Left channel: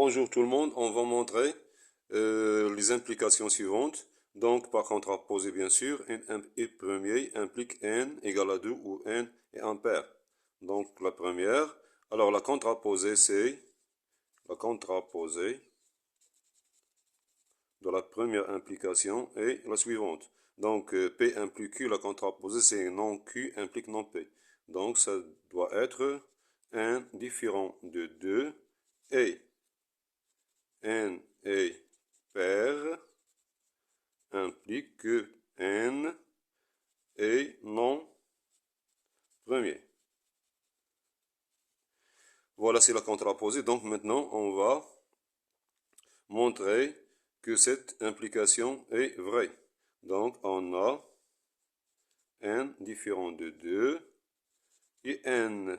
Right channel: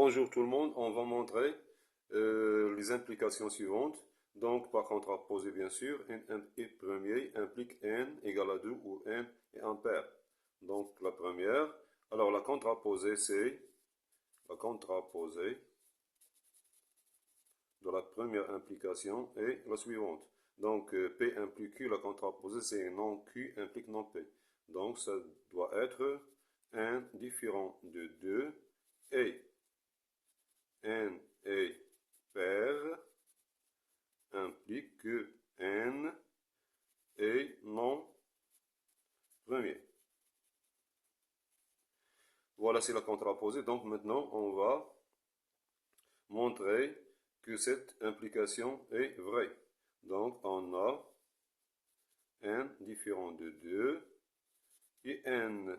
Bonjour tout le monde, on va montrer les implications suivantes. Donc par contraposé bien sûr, n premier implique n égale à 2 où n est impair. Donc la première, alors la contraposée c'est la contraposée de la première implication est la suivante. Donc P implique Q, la contraposée c'est non Q implique non P. Donc ça doit être n différent de 2 et n est pair implique que n est non premier. Voilà, c'est la contraposée. Donc maintenant, on va montrer que cette implication est vraie. Donc on a n différent de 2 et n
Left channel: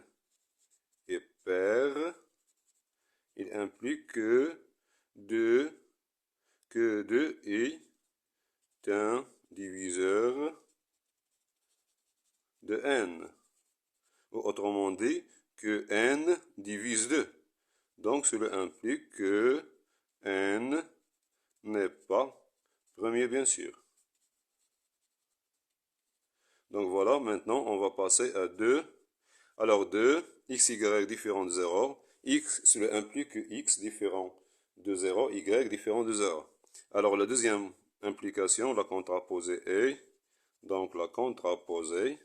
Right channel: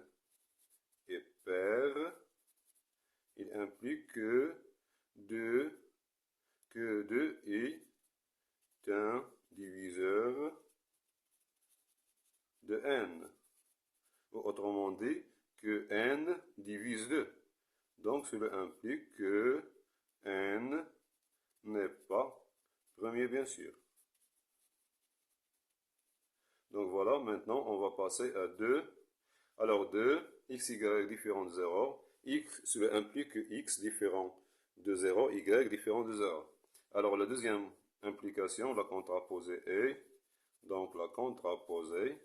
est pair. Il implique que 2 est un diviseur de n. Ou autrement dit, que n divise 2. Donc cela implique que n n'est pas premier, bien sûr. Donc voilà, maintenant on va passer à 2. Alors 2, x, y différent de 0. X, cela implique que x différent de 0, y différent de 0. Alors la deuxième implication, la contraposée est, donc la contraposée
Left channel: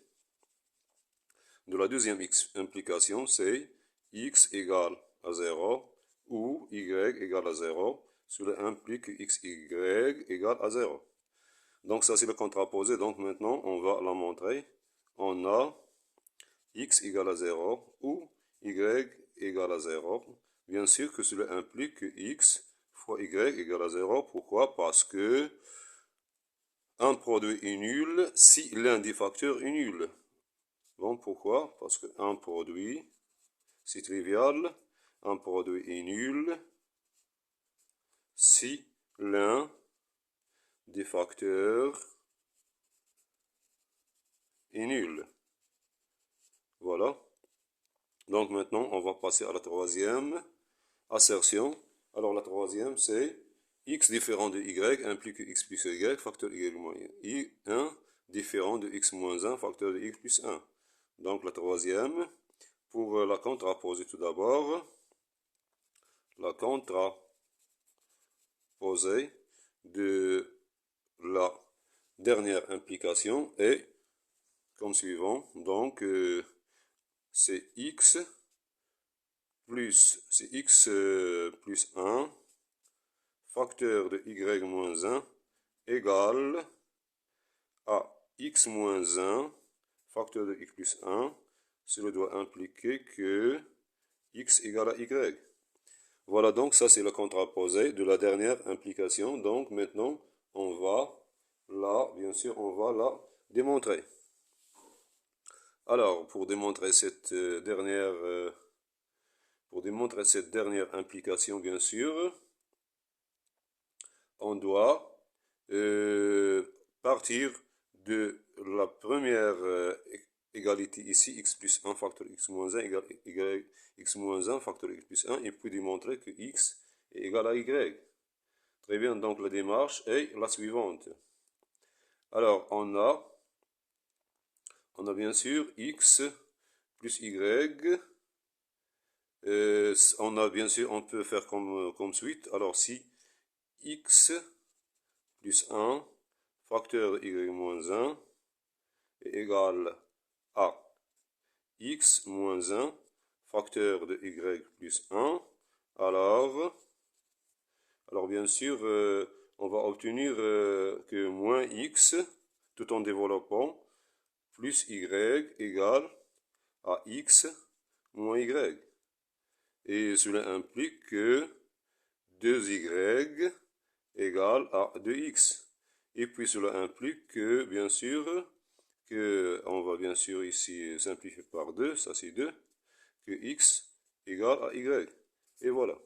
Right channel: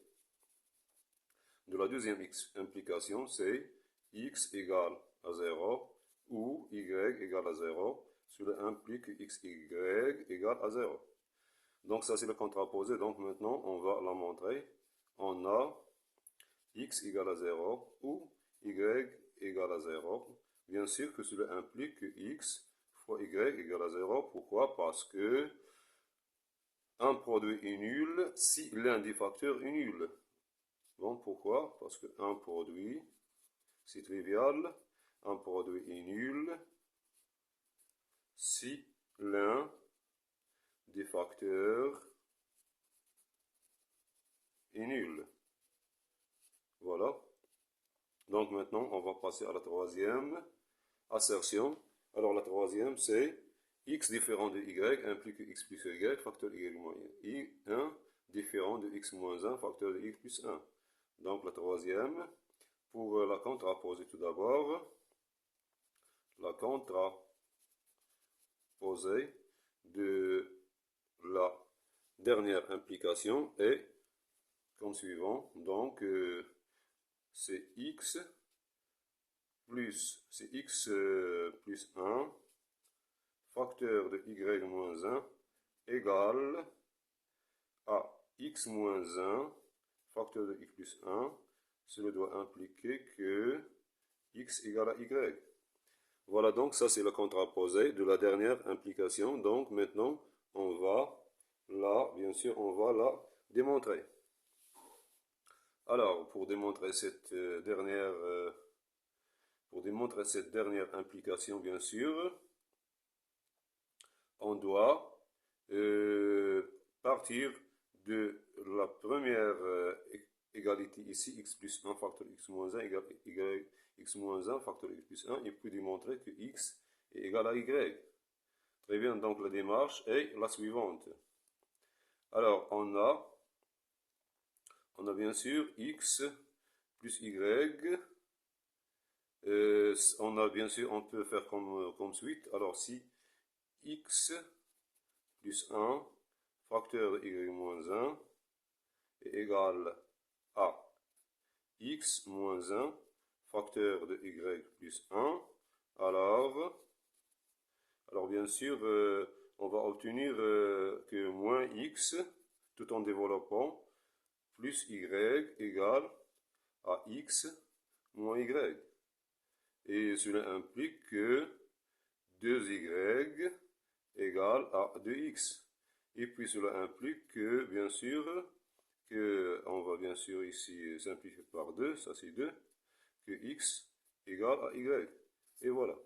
de la deuxième implication, c'est x égale à 0 ou y égale à 0. Cela implique que x, y égale à 0. Donc ça c'est le contraposé. Donc maintenant on va la montrer. On a x égale à 0 ou y égale à 0. Bien sûr que cela implique que x fois y égale à 0. Pourquoi? Parce que un produit est nul si l'un des facteurs est nul. Bon, pourquoi? Parce qu'un produit, c'est trivial, un produit est nul si l'un des facteurs est nul. Voilà. Donc maintenant, on va passer à la troisième assertion. Alors la troisième, c'est x différent de y implique que x plus y, facteur y moins 1, différent de x moins 1, facteur de y plus 1. Donc la troisième, pour la contraposée tout d'abord, la contraposée de la dernière implication est comme suivant. Donc c'est x plus 1 facteur de y moins 1 égale à x moins 1 facteur de y plus 1. Cela doit impliquer que x égale à y. Voilà, donc ça c'est le contraposé de la dernière implication. Donc maintenant, on va là, bien sûr, on va la démontrer. Alors, pour démontrer cette dernière implication, bien sûr, on doit partir de la première égalité ici, x plus 1 facteur x moins 1 égale x moins 1 facteur x plus 1, et puis démontrer que x est égal à y. Très bien, donc la démarche est la suivante. Alors, on a bien sûr x plus y. On a bien sûr, on peut faire comme suite. Alors, si x plus 1 facteur de y moins 1 est égal à x moins 1 facteur de y plus 1, alors bien sûr, on va obtenir que moins x, tout en développant, plus y égale à x moins y. Et cela implique que 2y égale à 2x. Et puis cela implique que, bien sûr, on va bien sûr ici simplifier par 2, ça c'est 2, que x égale à y. Et voilà.